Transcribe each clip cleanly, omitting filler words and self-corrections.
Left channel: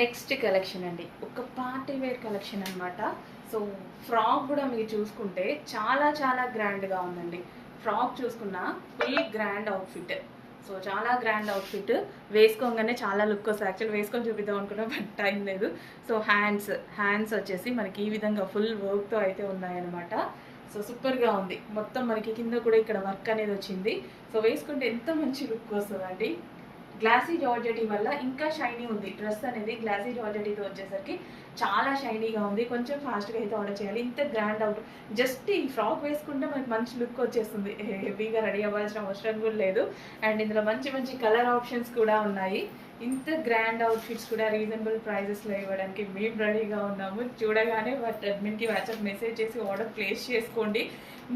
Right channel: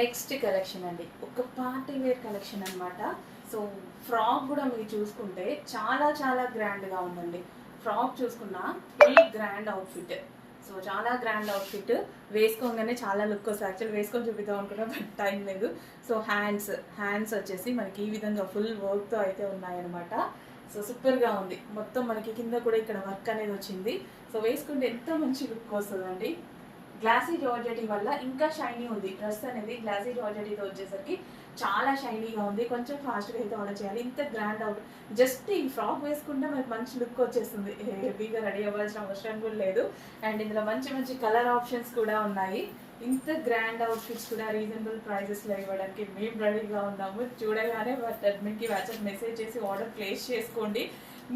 Next collection అండి, ఒక party wear collection అనమాట. సో ఫ్రాక్ కూడా మీరు చూసుకుంటే చాలా చాలా గ్రాండ్గా ఉందండి. ఫ్రాక్ చూసుకున్న ఫుల్ గ్రాండ్ అవుట్ఫిట్. సో చాలా గ్రాండ్ అవుట్ఫిట్, వేసుకోగానే చాలా లుక్ వస్తుంది. యాక్చువల్ వేసుకొని చూపిద్దాం అనుకున్నా బట్ టైం లేదు. సో హ్యాండ్స్ వచ్చేసి మనకి ఈ విధంగా ఫుల్ వర్క్తో అయితే ఉన్నాయన్నమాట. సో సూపర్గా ఉంది. మొత్తం మనకి కింద కూడా ఇక్కడ వర్క్ అనేది వచ్చింది. సో వేసుకుంటే ఎంత మంచి లుక్ వస్తుందండి. గ్లాసీ జార్జెటీ వల్ల ఇంకా షైనీ ఉంది. డ్రెస్ అనేది గ్లాసీ జార్జెటీతో వచ్చేసరికి చాలా షైనీగా ఉంది. కొంచెం ఫాస్ట్గా అయితే ఆర్డర్ చేయాలి. ఇంత గ్రాండ్ అవుట్, జస్ట్ ఈ ఫ్రాక్ వేసుకుంటే మనకి మంచి లుక్ వచ్చేస్తుంది. హెవీగా రెడీ అవ్వాల్సిన అవసరం కూడా లేదు. అండ్ ఇందులో మంచి మంచి కలర్ ఆప్షన్స్ కూడా ఉన్నాయి. ఇంత గ్రాండ్ అవుట్ఫిట్స్ కూడా రీజనబుల్ ప్రైజెస్లో ఇవ్వడానికి మేము రెడీగా ఉన్నాము. చూడగానే అడ్మిన్కి వాట్సాప్ మెసేజ్ చేసి ఆర్డర్ ప్లేస్ చేసుకోండి.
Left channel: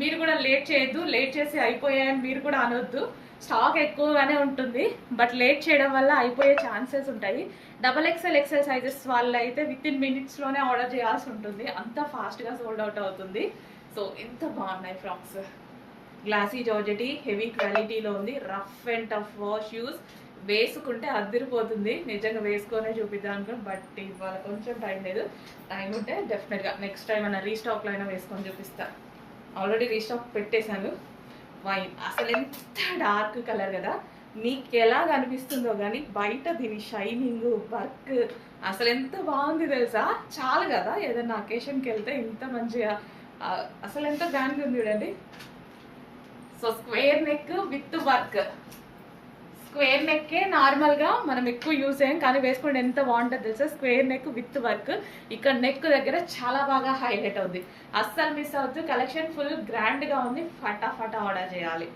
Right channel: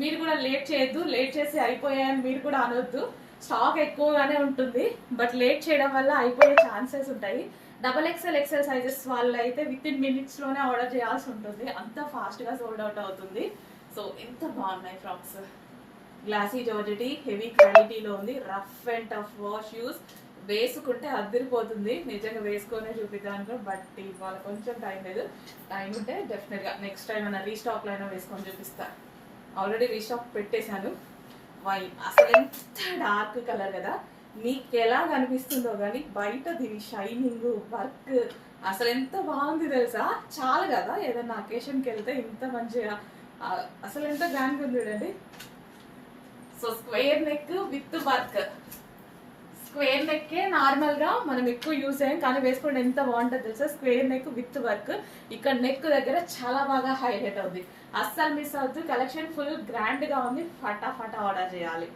మీరు కూడా లేట్ చేయొద్దు. లేట్ చేసి అయిపోయాయని మీరు కూడా అనొద్దు. స్టాక్ ఎక్కువగానే ఉంటుంది, బట్ లేట్ చేయడం వల్ల అయిపోయే ఛాన్సెస్ ఉంటాయి. XXL సైజెస్ వాళ్ళు అయితే వితిన్ మినిట్స్లోనే ఆర్డర్ చేయాల్సి ఉంటుంది. అంత ఫాస్ట్గా సోల్డ్ అవుట్ అవుతుంది. సో ఎంత బాగున్నాయి ఫ్రాక్స్. గ్లాసీ జార్జెటీ హెవీ క్వాలిటీలో ఉంది. Rough and tough wash use, వేసుకుంటే అదిరిపోతుంది. నిజంగా వేసుకొనే చూపిద్దాం అనుకో, బట్ ఇవాళ కొంచెం టైం లేదు. టైం ఉంటే డెఫినెట్గా నెక్స్ట్ టైం అయినా రీస్టాక్లో అయినా వేసుకొని చూపిస్తా. ఆల్రెడీ రీస్టాక్ పెట్టేశాను. వైన్ అసలు ఎంత డార్క్ కలర్ కదా, మీకు ఎలా కనిపిస్తుందో కానీ బయట దీని షైనింగ్ వర్క్ అసలు ఎంత బాగుంది తెలుసా. చాలా కదా ఏదైనా అకేషన్కి వెళ్తే ఇంత మంచిగా అసలు ఎంత గ్రాండ్గా ఉంది చూడండి. So square neck with work. Square నెక్కే నార్మల్గా మనం ఎక్కువ యూజ్ చేయం, కానీ వేసుకుంటే ఎంత బాగుంటుంది తెలుసా. స్క్వేర్ నెక్ విత్ వర్క్, ఇక్కడ నెక్ దగ్గర చాలా బాగా హైలైట్ అవుతుంది. అస్సలు మిస్ అవుతుంది. కలెక్షన్ ఫుల్ గ్రాండ్గా ఉంది. ఫటాఫటా ఆర్డర్ చేయాలి.